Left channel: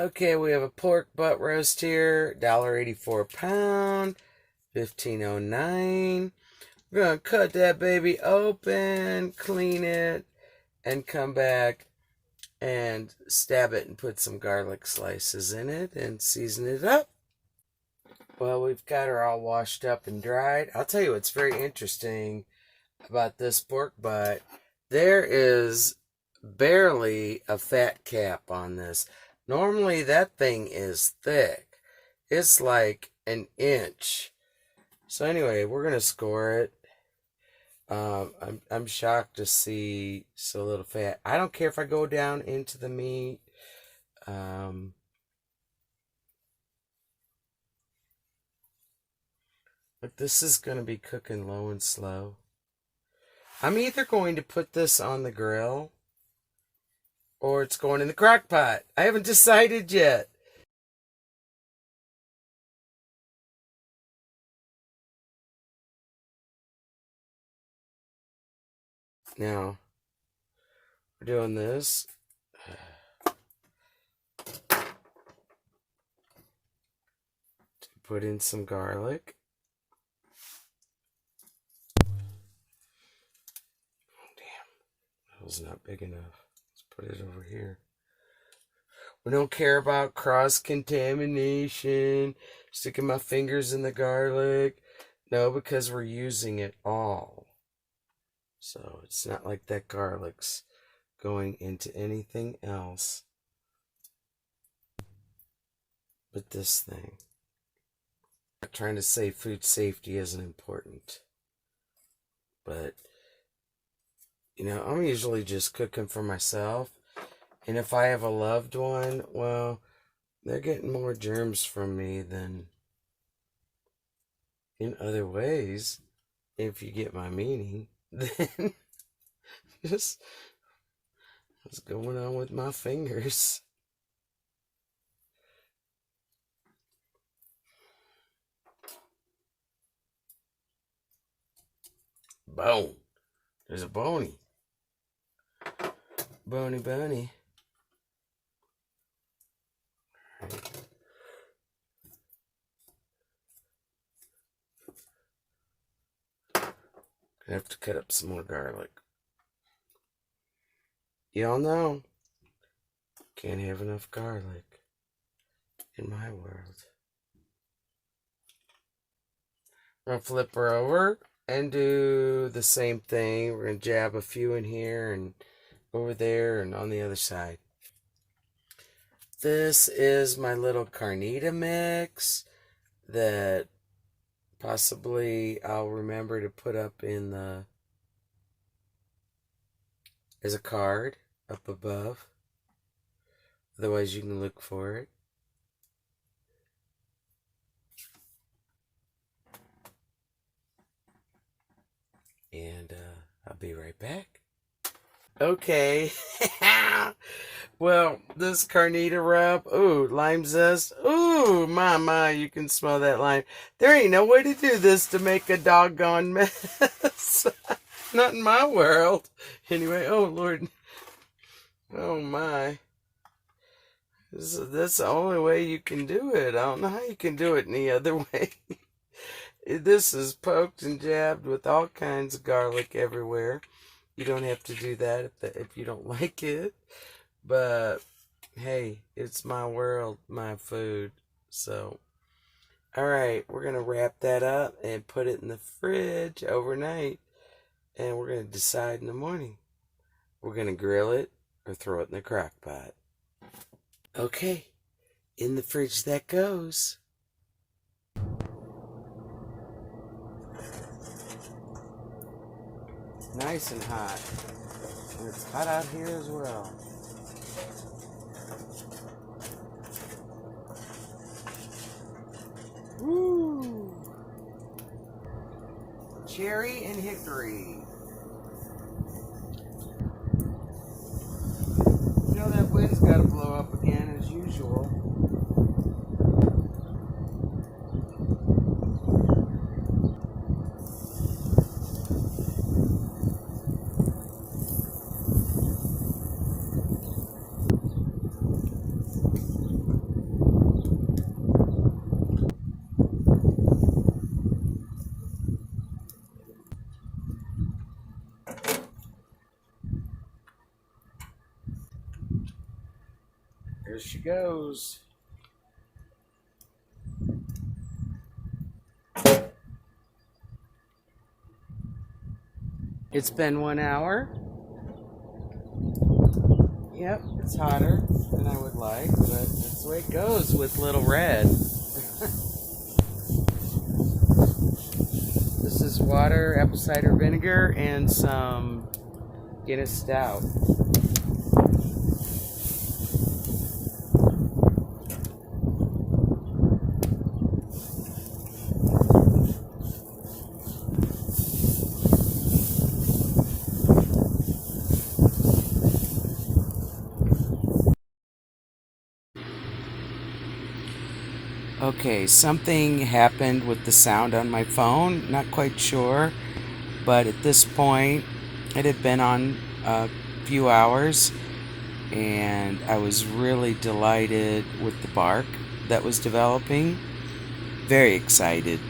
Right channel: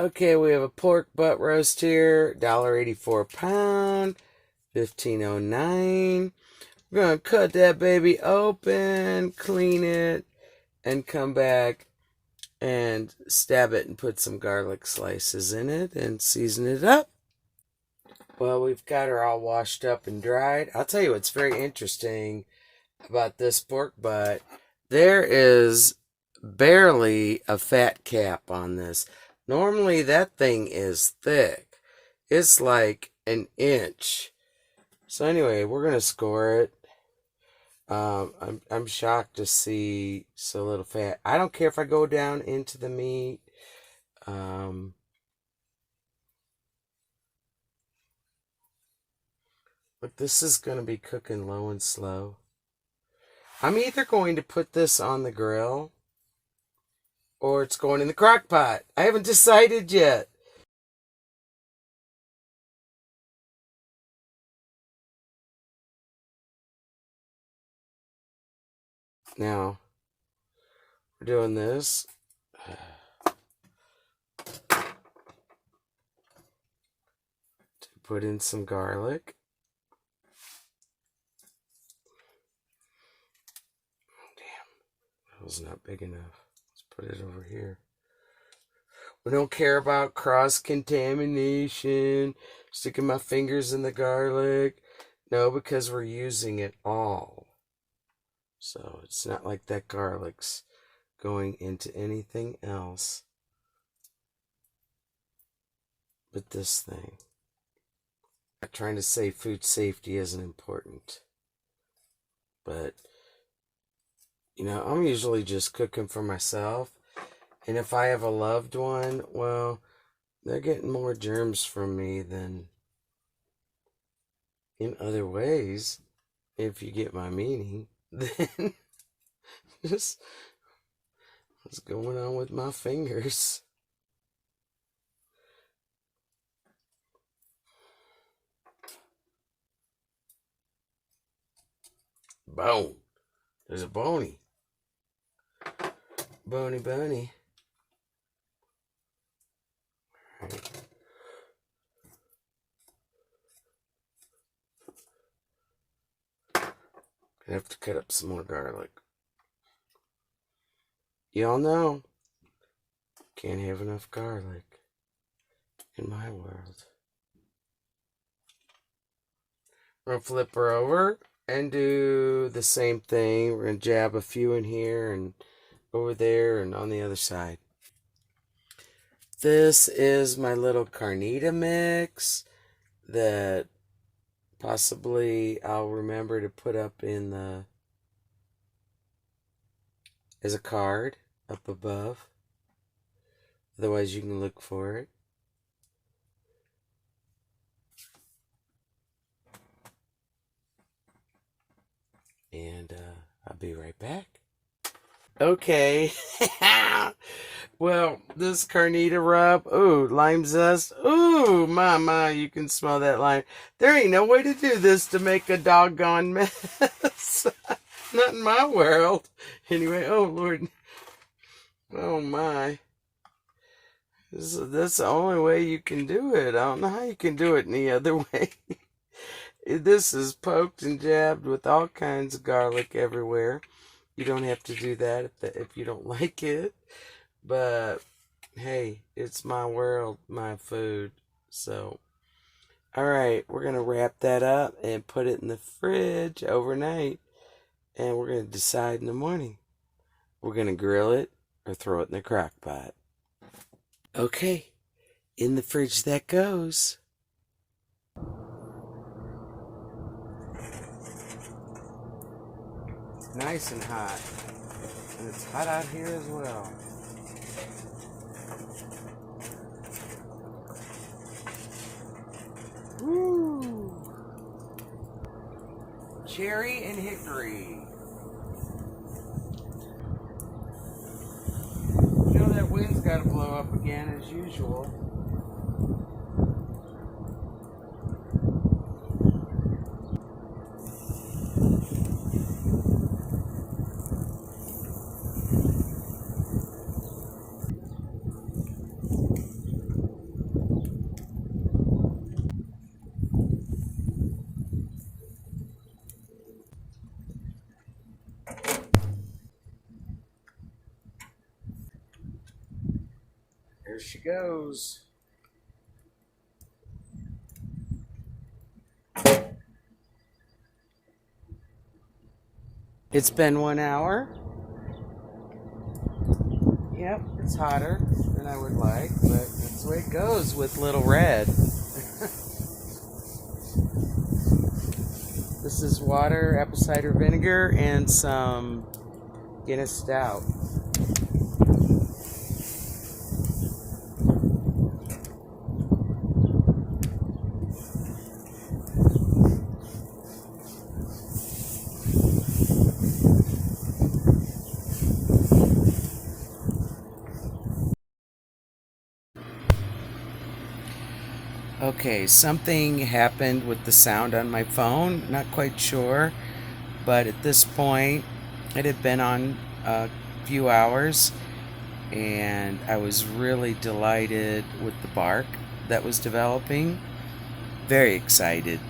Okay, we have a pork butt roast here, $1.84 a pound, 15.09. We're going to cut that baby open, clean it, and come back and stab it and put some garlic slices in it and season it up. Well, we've got her all washed up and dried. I'll tell you what's very interesting about this pork butt. There is barely a fat cap on this. Normally that thing is thick. It's like an inch. So anyway, we're going to score it. I'm shocked to see so little fat. I don't care if I go down into the meat. Look, this is going to be cooking low and slow. I'm either going to put this on the grill or it's going in the crock pot. I haven't decided yet. Now, we're doing this. To put in some garlic. Oh, damn. That was not big enough. Let's put it over here. We don't care about cross-contamination. Sticking my fingers in the garlic. No, because we're using it all. So it's not like that garlic's going into anything else but this thing. I'm not trying to say food safety isn't important. But, you know, I'm usually just cooking for myself. And if I have a loved one, well, they're getting more germs from me than in other ways, if you get my meaning. Then just what's going on with my fingers? Bone. There's a bony. Bony. All right. I have to cut up some more garlic. Y'all know, can't have enough garlic in my world. We're going to flip her over and do the same thing. We're going to jab a few in here and over there and on the other side. This is my little carnita mix that possibly I'll remember to put up in the as a card up above. Otherwise you can look for it. And I'll be right back. Okay. Well, this carnita rub, ooh, lime zest, ooh, my, you can smell that lime. There ain't no way to do this to make a doggone mess. Not in my world. Anyway, oh, Lord. Oh, my. That's the only way you can do it. I don't know how you can do it any other way. This is poked and jabbed with all kinds of garlic everywhere. You don't have to do that if you don't like it. But, hey, it's my world, my food. So, alright, we're going to wrap that up and put it in the fridge overnight. And we're going to decide in the morning. We're going to grill it or throw it in the crock pot. Okay, in the fridge that goes. Nice and hot. And it's hot out here as well. Woo! Cherry and hickory. You know that wind's got to blow up again as usual. There she goes. It's been 1 hour. Yep, it's hotter than I would like, but that's the way it goes with Little Red. This is water, apple cider vinegar, and some Guinness Stout. Okay, something happened with the sound on my phone. Not quite sure, but at this point, it had been on a few hours, and I was really delighted with the bark that was developing. Very excited.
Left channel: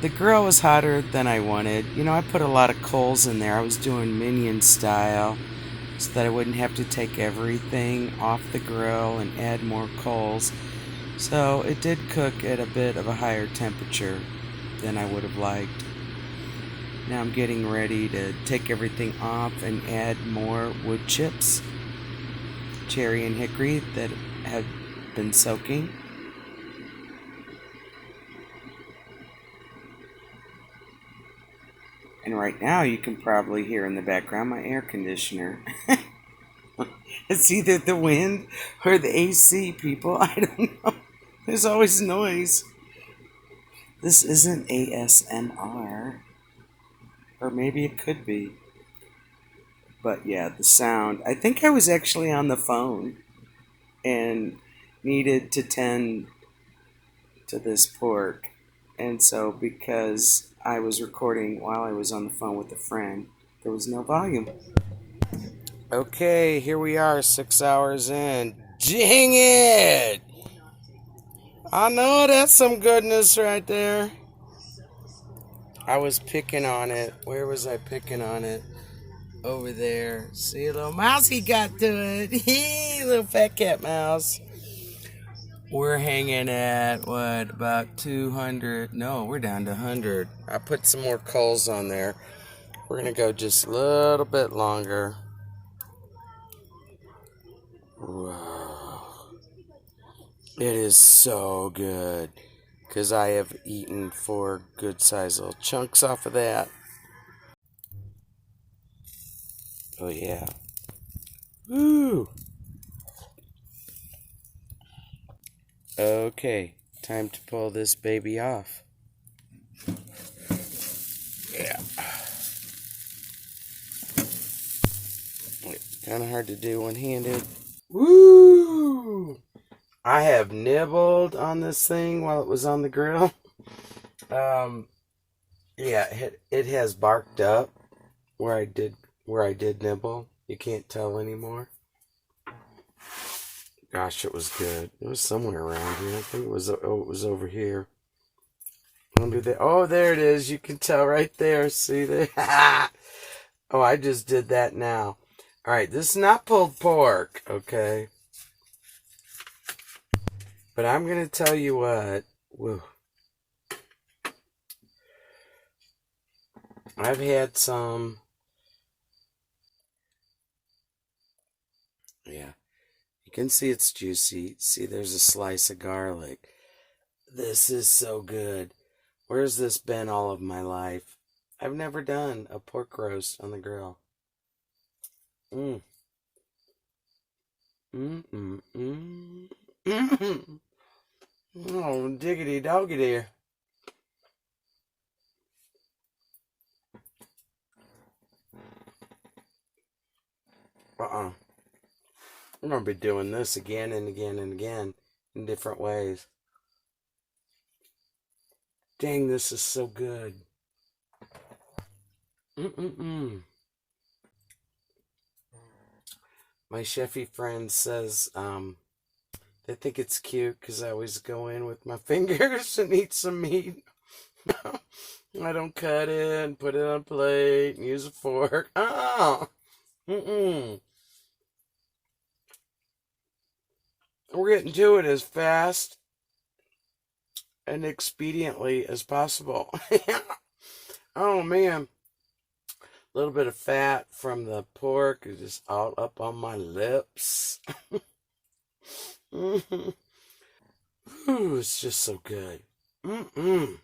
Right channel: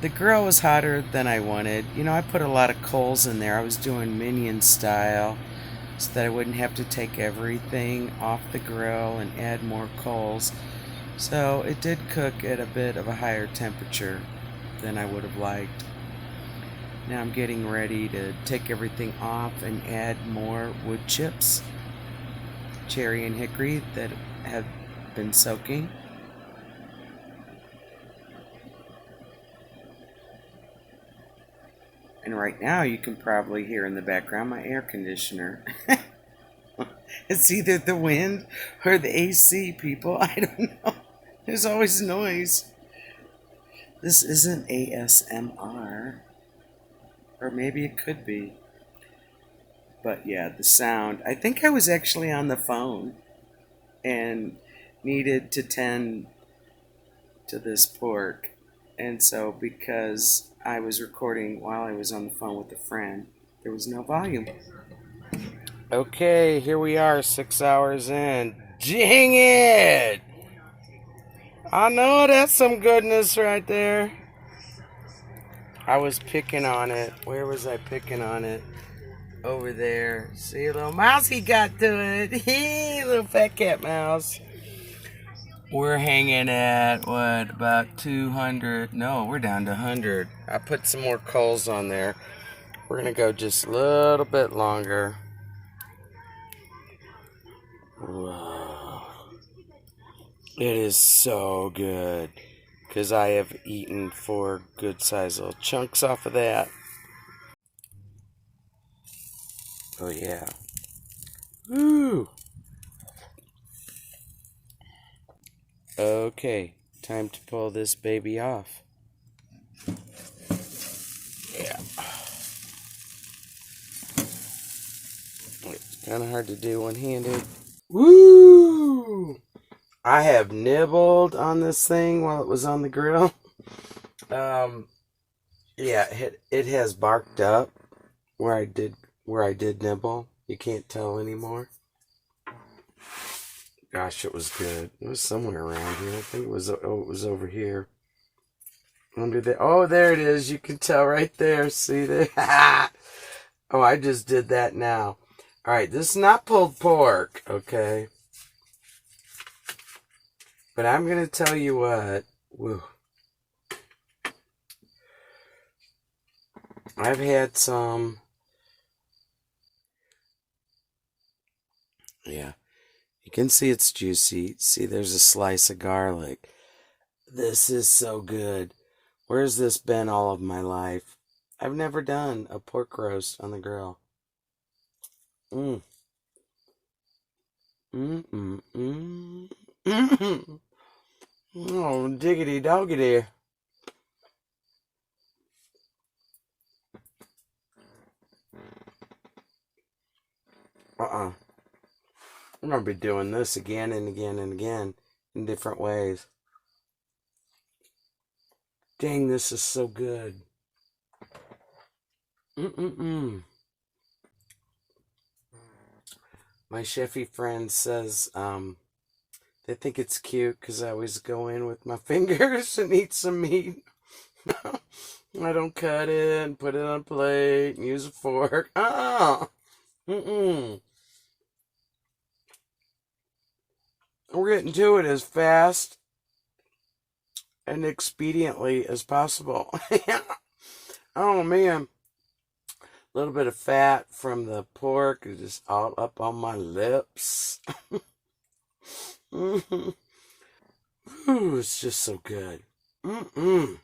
The grill was hotter than I wanted. You know, I put a lot of coals in there. I was doing minion style so that I wouldn't have to take everything off the grill and add more coals. So it did cook at a bit of a higher temperature than I would have liked. Now I'm getting ready to take everything off and add more wood chips, cherry and hickory, that have been soaking. And right now you can probably hear in the background my air conditioner. It's either the wind or the AC, people. I don't know. There's always noise. This isn't ASMR. Or maybe it could be. But yeah, the sound. I think I was actually on the phone and needed to tend to this pork. And so because I was recording while I was on the phone with a friend, there was no volume. Okay, here we are, 6 hours in. Dang it! I know that's some goodness right there. I was picking on it. Where was I picking on it? Over there. See, a little mousey got to it. Little fat cat mouse. We're hanging at, what, about 200? No, we're down to 100. I put some more coals on there. We're going to go just a little bit longer. Whoa. It is so good. Because I have eaten 4 good sized little chunks off of that. Oh, yeah. Woo! Okay, time to pull this baby off. Yeah. It's kind of hard to do one-handed. Woo! I have nibbled on this thing while it was on the grill. Yeah, it has barked up where I did nibble. You can't tell anymore. Gosh, it was good. It was somewhere around here. I think it was over here. Under there. Oh, there it is. You can tell right there. See there? Oh, I just did that now. All right, this is not pulled pork, okay? But I'm going to tell you what. Woo. I've had some. Yeah. You can see it's juicy. See, there's a slice of garlic. This is so good. Where's this been all of my life? I've never done a pork roast on the grill. Mm. Oh, diggity doggity. I'm going to be doing this again and again and again in different ways. Dang, this is so good. My chefy friend says they think it's cute because I always go in with my fingers and eat some meat. I don't cut it and put it on a plate and use a fork. Oh, We're getting to it as fast and expediently as possible. Oh man, a little bit of fat from the pork is just all up on my lips. Ooh, it's just so good. Mm-mm.